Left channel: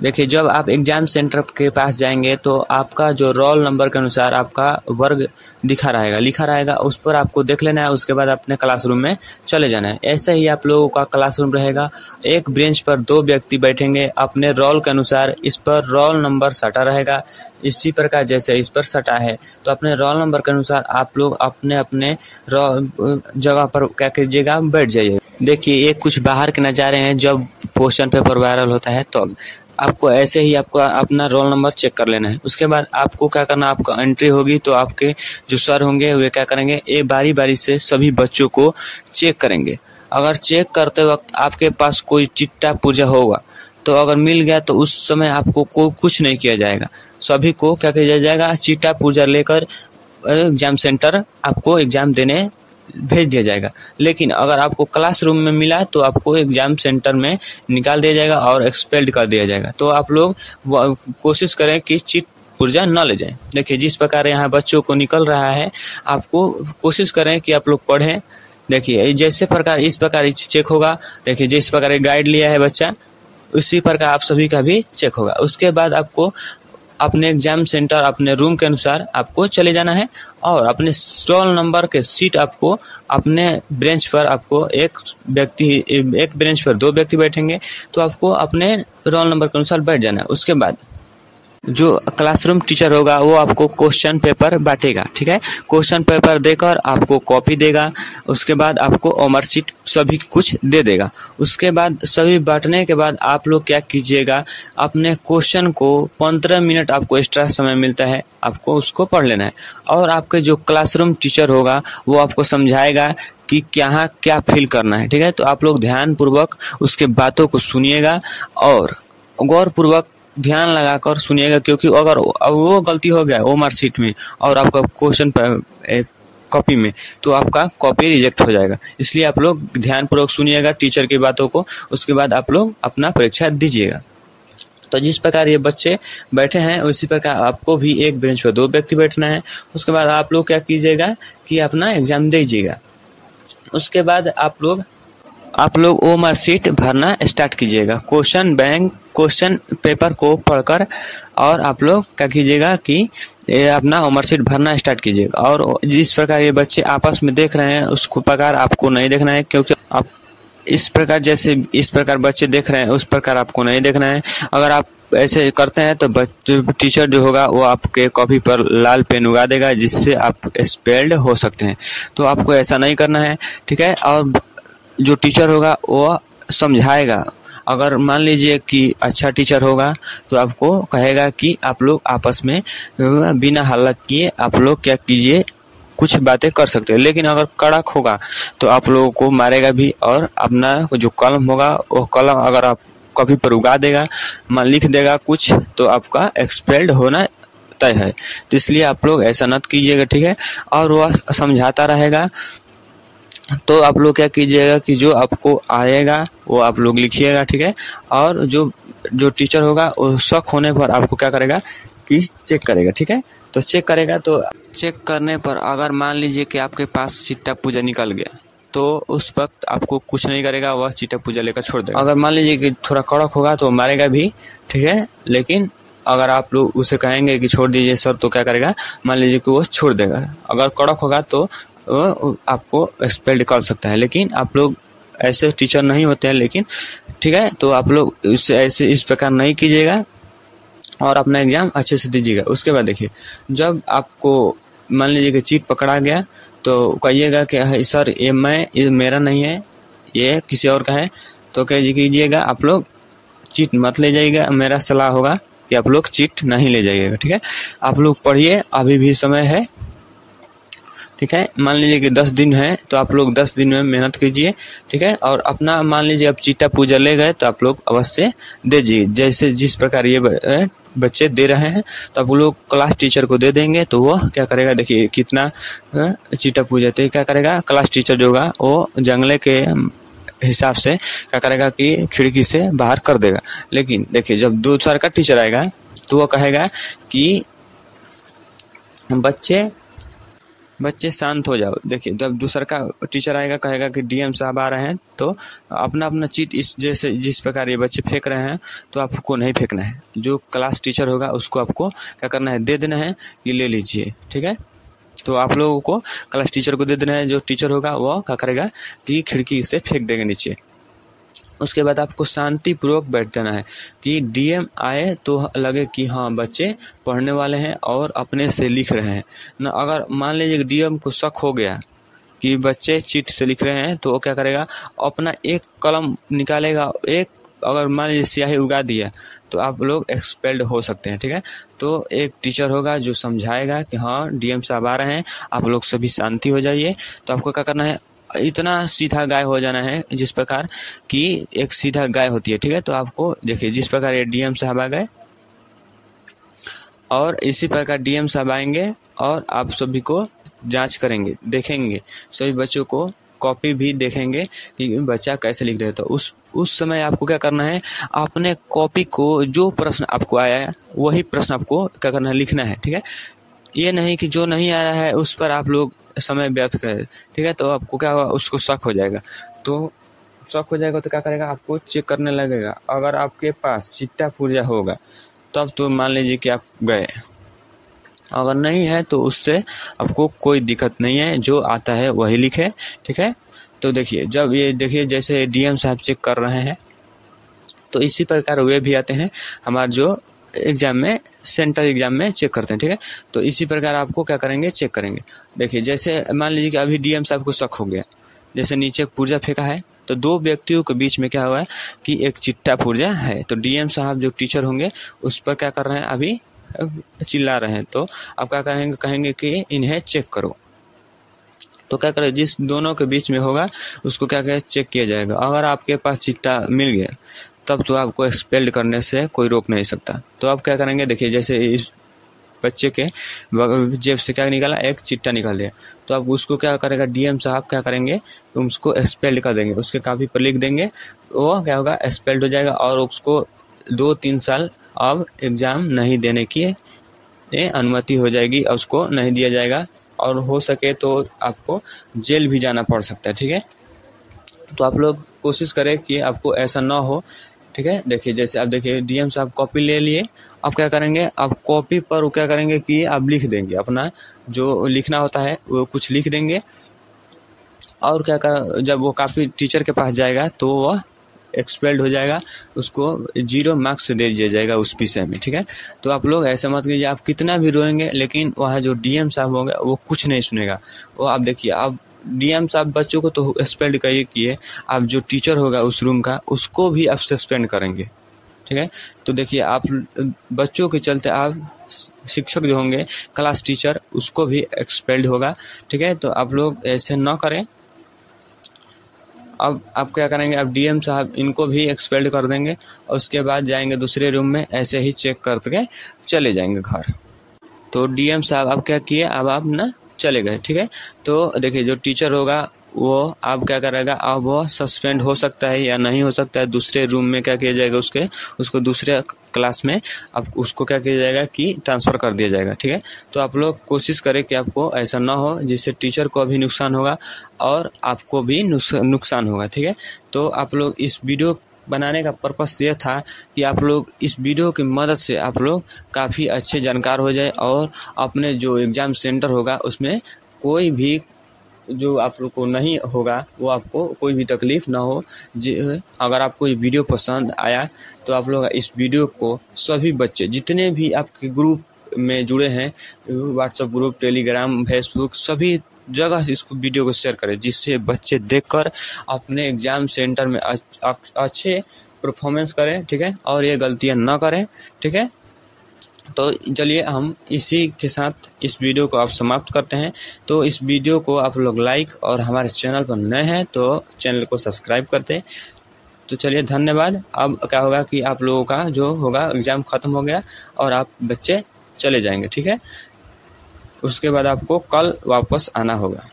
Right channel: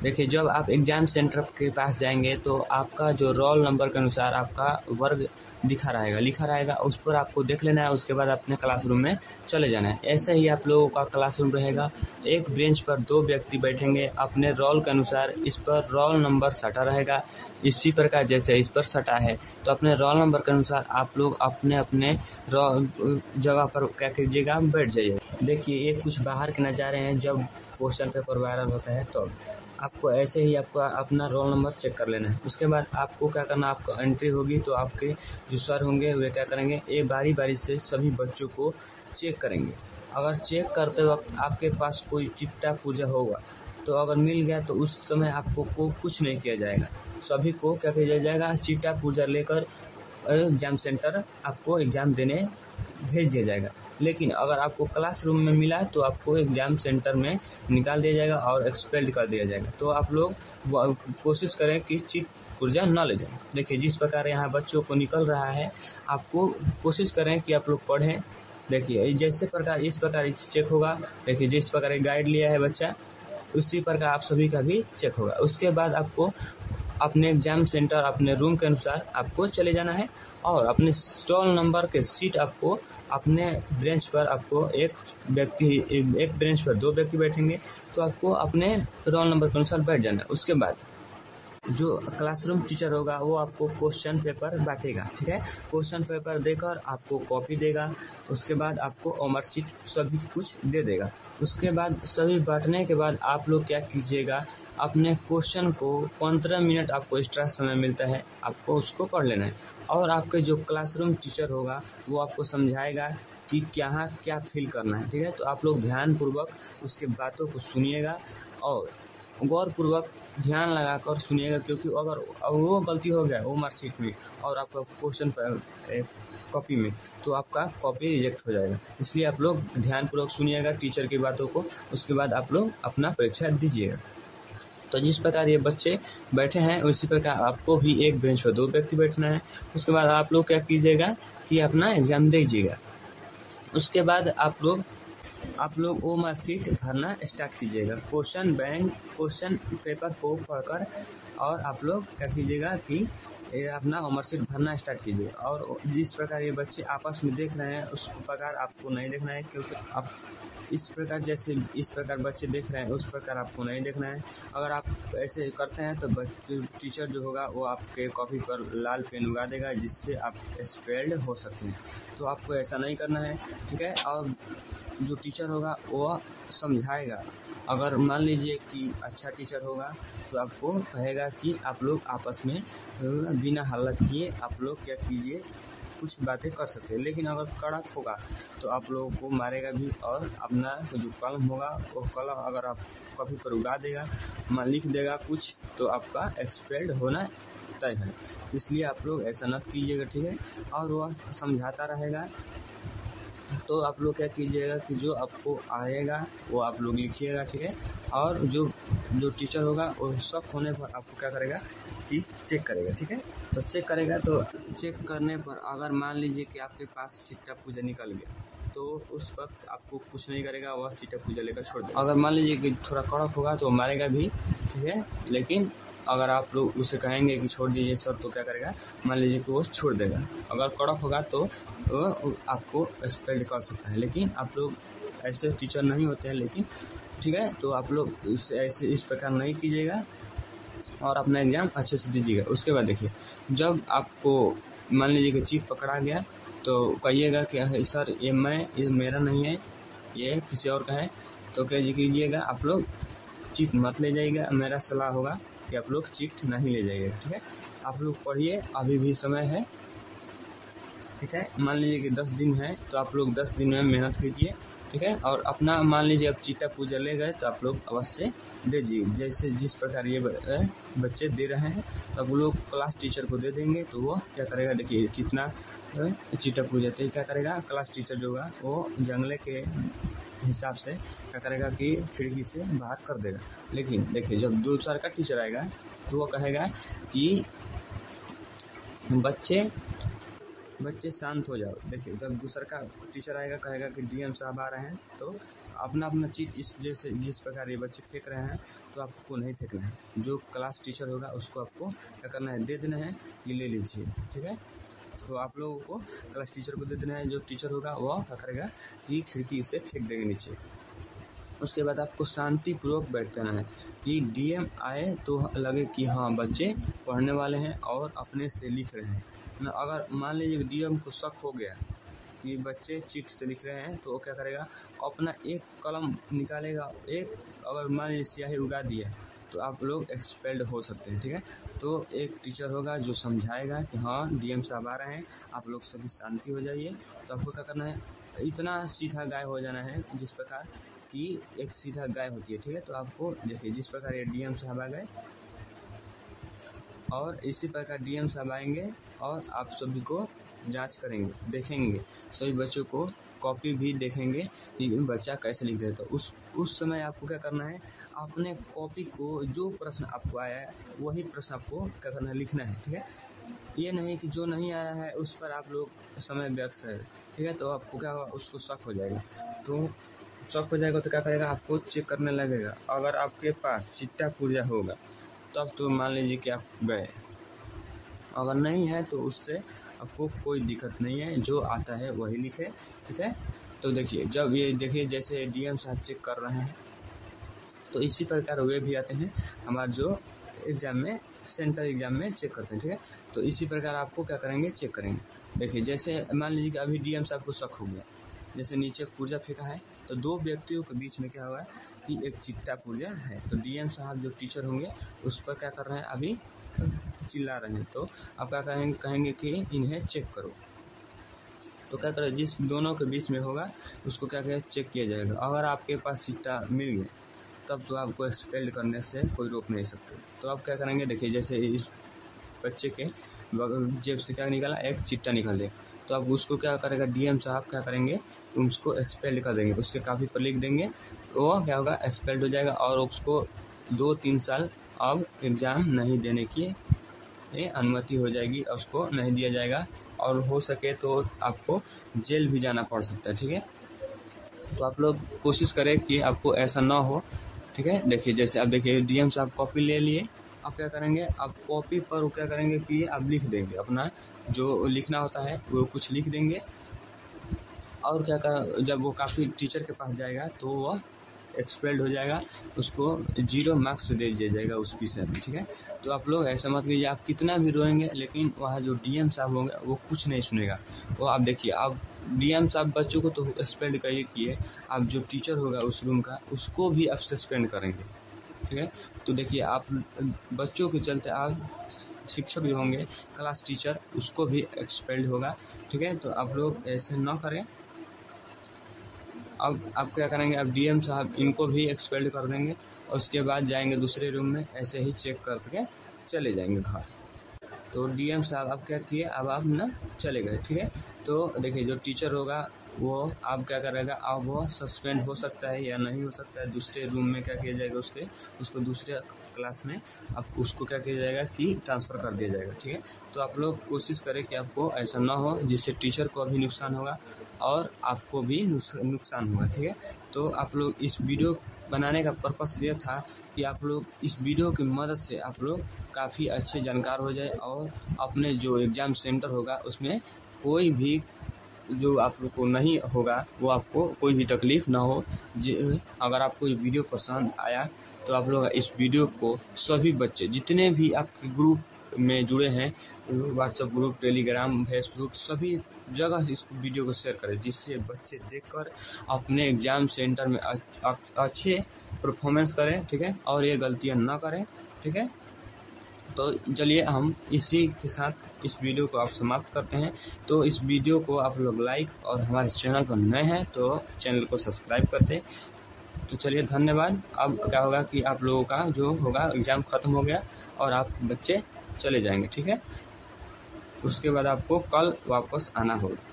देखिए, जब आप एग्ज़ाम सेंटर के पास जाएंगे तो आपका जो रोल नंबर के अनुसार आपका वर्ग लिखा रहेगा, उस पर आपको देख लेना है। उसके बाद अपने क्लासरूम में चले जाना है। ऐसे ही आप लोगों का क्लासरूम रहेगा। एक बेंच पर 2 व्यक्ति बैठेंगे अपने रोल के अनुसार। इस पर रोल नंबर सटा रहेगा। इसी प्रकार जैसे इस पर सटा है तो अपने रोल नंबर के अनुसार आप लोग अपने अपने जगह पर क्या कीजिएगा, बैठ जाइए। देखिए, ये कुछ बाहर के नज़ारे हैं जब क्वेश्चन पेपर वायरल होता है। तो आपको ऐसे ही आपको अपना रोल नंबर चेक कर लेना है। उसके बाद आपको क्या करना, आपका एंट्री होगी तो आपके जो सर होंगे वे क्या करेंगे, एक बारी बारी से सभी बच्चों को चेक करेंगे। अगर चेक करते वक्त आपके पास कोई चिट्टा पुर्जा होगा तो अगर मिल गया तो उस समय आपको कुछ नहीं किया जाएगा। सभी को क्या किया जाएगा, चिट्टा पुर्जा लेकर एग्जाम सेंटर आपको एग्जाम देने भेज दिया जाएगा। लेकिन अगर आपको क्लासरूम में मिला तो आपको एग्जाम सेंटर में निकाल दिया जाएगा और एक्सपेल्ड कर दिया जाएगा। तो आप लोग कोशिश करें कि चिट पुर्जा न ले जाएं। देखिए, जिस प्रकार यहाँ बच्चों को निकल रहा है, आपको कोशिश करें कि आप लोग पढ़ें। देखिए, जैसे प्रकार इस प्रकार चेक होगा। देखिए, जिस प्रकार गाइड लिया है बच्चा, उसी प्रकार आप सभी का भी चेक होगा। उसके बाद आपको अपने एग्जाम सेंटर अपने रूम के अनुसार आपको चले जाना है और अपने रोल नंबर के सीट आपको अपने बेंच पर आपको एक बेंच पर 2 व्यक्ति बैठेंगे तो आपको अपने रोल नंबर के अनुसार बैठ जाना है। उसके बाद जो क्लासरूम टीचर होगा वो आपको क्वेश्चन पेपर बांटेगा। ठीक है, क्वेश्चन पेपर देकर आपको कॉपी देगा। उसके बाद आपको होमवर्क शीट सभी कुछ दे देगा। उसके बाद सभी बांटने के बाद आप लोग क्या कीजिएगा, अपने क्वेश्चन को 15 मिनट आपको एक्स्ट्रा समय मिलता है, आपको उसको पढ़ लेना है। और आपके जो क्लासरूम टीचर होगा वो आपको समझाएगा कि यहाँ क्या फील करना है। ठीक है, तो आप लोग ध्यानपूर्वक उसके बातों को सुनिएगा और गौरपूर्वक ध्यान लगाकर सुनिएगा, क्योंकि अगर वो गलती हो गया वो मार्कशीट में और आपका क्वेश्चन कॉपी में तो आपका कॉपी रिजेक्ट हो जाएगा। इसलिए आप लोग ध्यानपूर्वक सुनिएगा टीचर की बातों को। उसके बाद आप लोग अपना परीक्षा दीजिएगा। तो जिस प्रकार ये बच्चे बैठे हैं उसी प्रकार आपको भी एक बेंच पर 2 व्यक्ति बैठना है। उसके बाद आप लोग क्या कीजिएगा कि अपना एग्जाम दीजिएगा। उसके बाद आप लोग वो मार्कशीट भरना स्टार्ट कीजिएगा। क्वेश्चन पेपर को पढ़कर और आप लोग क्या कीजिएगा कि अपना मार्कशीट भरना स्टार्ट कीजिएगा। और जिस प्रकार ये बच्चे आपस में देख रहे हैं उस प्रकार आपको नहीं देखना है, क्योंकि आप इस प्रकार बच्चे देख रहे हैं उस प्रकार आपको नहीं देखना है। अगर आप ऐसे करते हैं तो टीचर जो होगा वो आपके कॉपी पर लाल पेन उगा देगा, जिससे आप एक्सपेल्ड हो सकते हैं। तो आपको ऐसा नहीं करना है। ठीक है, और जो टीचर होगा वो समझाएगा। अगर मान लीजिए कि अच्छा टीचर होगा तो आपको कहेगा कि आप लोग आपस में बिना हल्ला किए आप लोग क्या कीजिए, कुछ बातें कर सकते हैं। लेकिन अगर कड़क होगा तो आप लोगों को मारेगा भी और अपना जो कलम होगा वो कलम अगर आप कॉपी पर उगा देगा, लिख देगा कुछ, तो आपका एक्सपेल्ड होना तय है। तो इसलिए आप लोग ऐसा मत कीजिएगा। ठीक है, और वह समझाता रहेगा तो आप लोग क्या कीजिएगा कि जो आपको आएगा वो आप लोग लिखिएगा। ठीक है, और जो टीचर होगा वो शक होने पर आपको क्या करेगा कि चेक करेगा। ठीक है, तो चेक करेगा। तो चेक करने पर अगर मान लीजिए कि आपके पास चिट्टा पुर्जा निकल गया तो उस वक्त आपको कुछ नहीं करेगा, वह चिट्टा पुर्जा लेकर छोड़ देगा। अगर मान लीजिए कि थोड़ा कड़क होगा तो मारेगा भी। ठीक है, लेकिन अगर आप लोग उसे कहेंगे कि छोड़ दीजिए सर तो क्या करेगा, मान लीजिए कि वो छोड़ देगा। अगर कड़क होगा तो आपको एक्सपेल्ड कर सकता है। लेकिन आप लोग ऐसे टीचर नहीं होते हैं। लेकिन ठीक है, तो आप लोग ऐसे इस प्रकार नहीं कीजिएगा और अपना एग्जाम अच्छे से दीजिएगा। उसके बाद देखिए, जब आपको मान लीजिए कि चीट पकड़ा गया तो कहिएगा कि सर ये मेरा नहीं है, ये किसी और का है। तो कह कीजिएगा आप लोग चीट मत ले जाइएगा। मेरा सलाह होगा कि आप लोग चीट नहीं ले जाइएगा। ठीक है, आप लोग पढ़िए, अभी भी समय है। ठीक है, मान लीजिए कि 10 दिन है तो आप लोग 10 दिन में मेहनत कीजिए। ठीक है, और अपना मान लीजिए आप चिट्टा पुर्जा ले गए तो आप लोग अवश्य दीजिए। जैसे जिस प्रकार ये बच्चे दे रहे हैं तो आप लोग क्लास टीचर को दे देंगे तो वो क्या करेगा, देखिए कितना चिट्टा पुर्जा। तो क्या करेगा, क्लास टीचर जो होगा वो जंगले के हिसाब से क्या करेगा कि खिड़की से बाहर कर देगा। लेकिन देखिए, जब दूसरा का टीचर आएगा तो वो कहेगा कि बच्चे बच्चे शांत हो जाओ। देखिए जब दूसरा का टीचर आएगा कहेगा कि डीएम साहब आ रहे हैं, तो अपना अपना चीट इस जैसे जिस प्रकार ये बच्चे फेंक रहे हैं तो आपको नहीं फेंकना है। जो क्लास टीचर होगा उसको आपको क्या करना है, दे देना है कि ले लीजिए, ठीक है। तो आप लोगों को क्लास टीचर को दे देना है। जो टीचर होगा वो क्या करेगा कि खिड़की से फेंक देंगे नीचे। उसके बाद आपको शांतिपूर्वक बैठ जाना है कि डीएम आए तो लगे कि हाँ बच्चे पढ़ने वाले हैं और अपने से लिख रहे हैं ना। अगर मान लीजिए डीएम को शक हो गया कि बच्चे चीट से लिख रहे हैं तो वो क्या करेगा, अपना एक कलम निकालेगा, एक अगर मान लीजिए स्याही उगा दिया तो आप लोग एक्सपेल्ड हो सकते हैं, ठीक है। तो एक टीचर होगा जो समझाएगा कि हाँ डीएम साहब आ रहे हैं, आप लोग सभी शांति हो जाइए। तो आपको क्या करना है, इतना सीधा गाय हो जाना है जिस प्रकार कि एक सीधा गाय होती है, ठीक है। तो आपको देखिए जिस प्रकार ये डीएम साहब आ गए और इसी प्रकार डीएम साहब आएंगे और आप सभी को जांच करेंगे, देखेंगे, सभी बच्चों को कॉपी भी देखेंगे कि बच्चा कैसे लिख रहे हैं। तो उस समय आपको क्या करना है, अपने कॉपी को जो प्रश्न आपको आया है वही प्रश्न आपको क्या करना है, लिखना है, ठीक है। ये नहीं कि जो नहीं आ रहा है उस पर आप लोग समय व्यर्थ करें, ठीक है। तो आपको क्या होगा, उसको शक हो जाएगा। तो शक हो जाएगा तो क्या करेगा, आपको चेक करने लगेगा। अगर आपके पास चिट्टा पुर्जा होगा तब तो मान लीजिए कि आप गए, अगर नहीं है तो उससे आपको कोई दिक्कत नहीं है, जो आता है वही लिखे, ठीक है। तो देखिए जब ये देखिए जैसे डीएम साहब चेक कर रहे हैं तो इसी प्रकार वे भी आते हैं हमारा जो एग्ज़ाम में, सेंटर एग्ज़ाम में चेक करते हैं, ठीक है। तो इसी प्रकार आपको क्या करेंगे, चेक करेंगे। देखिए जैसे मान लीजिए कि अभी डीएम साहब को शक हो गया, जैसे नीचे पुर्जा फेंका है तो दो व्यक्तियों के बीच में क्या हुआ है कि एक चिट्टा पुर्जा है। तो डीएम साहब जो टीचर होंगे उस पर क्या कर रहे हैं, अभी चिल्ला रहे हैं। तो आप क्या करेंगे, कहेंगे कि इन्हें चेक करो। तो क्या करें, जिस दोनों के बीच में होगा उसको क्या करें, चेक किया जाएगा। अगर आपके पास चिट्टा मिल गया तब तो आपको एक्सपेल्ड करने से कोई रोक नहीं सकता। तो आप क्या करेंगे, देखिए जैसे इस बच्चे के जेब से क्या निकाला, एक चिट्टा निकाल दिया। तो आप उसको क्या करेगा, डीएम साहब क्या करेंगे, उसको एक्सपेल्ड कर देंगे, उसके कापी पर लिख देंगे। वो क्या होगा, एक्सपेल्ड हो जाएगा और उसको 2-3 साल अब एग्ज़ाम नहीं देने की अनुमति हो जाएगी, उसको नहीं दिया जाएगा और हो सके तो आपको जेल भी जाना पड़ सकता है, ठीक है। तो आप लोग कोशिश करें कि आपको ऐसा ना हो, ठीक है। देखिए जैसे आप देखिए डीएम साहब कॉपी ले लिए, आप क्या करेंगे, आप कॉपी पर क्या करेंगे कि आप लिख देंगे, अपना जो लिखना होता है वो कुछ लिख देंगे। और क्या कर, जब वो कापी टीचर के पास जाएगा तो वह एक्सपेल्ड हो जाएगा, उसको 0 मार्क्स दे दिया जाएगा उस विषय में, ठीक है। तो आप लोग ऐसा मत कीजिए, आप कितना भी रोएंगे लेकिन वहाँ जो डीएम साहब होंगे वो कुछ नहीं सुनेगा। वो आप देखिए, आप डीएम साहब बच्चों को तो एक्सपेल्ड किए, आप जो टीचर होगा उस रूम का उसको भी आप सस्पेंड करेंगे, ठीक है। तो देखिए आप बच्चों के चलते आप शिक्षक जो होंगे, क्लास टीचर, उसको भी एक्सपेल्ड होगा, ठीक है। तो आप लोग ऐसे ना करें। अब आप क्या करेंगे, अब डीएम साहब इनको भी एक्सपेल्ड कर देंगे और उसके बाद जाएंगे दूसरे रूम में, ऐसे ही चेक करके चले जाएंगे घर। तो डीएम साहब अब क्या किए, अब आप ना चले गए, ठीक है। तो देखिए जो टीचर होगा वो अब क्या करेगा, अब वो सस्पेंड हो सकता है या नहीं हो सकता है। दूसरे रूम में क्या किया जाएगा, उसको दूसरे क्लास में अब उसको क्या किया जाएगा कि ट्रांसफ़र कर दिया जाएगा, ठीक है। तो आप लोग कोशिश करें कि आपको ऐसा ना हो जिससे टीचर को भी नुकसान होगा और आपको भी नुकसान होगा, ठीक है। तो आप लोग इस वीडियो बनाने का पर्पस ये था कि आप लोग इस वीडियो की मदद से आप लोग काफ़ी अच्छे जानकार हो जाए और अपने जो एग्ज़ाम सेंटर होगा उसमें कोई भी जो आप लोग को नहीं होगा, वो आपको कोई भी तकलीफ़ ना हो। अगर आपको ये वीडियो पसंद आया तो आप लोग इस वीडियो को सभी बच्चे जितने भी आपके ग्रुप में जुड़े हैं, व्हाट्सएप ग्रुप, टेलीग्राम, फेसबुक, सभी जगह इस वीडियो को शेयर करें, जिससे बच्चे देखकर अपने एग्ज़ाम सेंटर में अच्छे परफॉर्मेंस करें, ठीक है, और ये गलतियां ना करें, ठीक है। तो चलिए हम इसी के साथ इस वीडियो को आप समाप्त करते हैं। तो इस वीडियो को आप लोग लाइक और हमारे चैनल पर नए हैं तो चैनल को सब्सक्राइब करते हैं। तो चलिए धन्यवाद। अब क्या होगा कि आप लोगों का जो होगा एग्ज़ाम ख़त्म हो गया और आप बच्चे चले जाएंगे, ठीक है। उसके बाद आपको कल वापस आना होगा।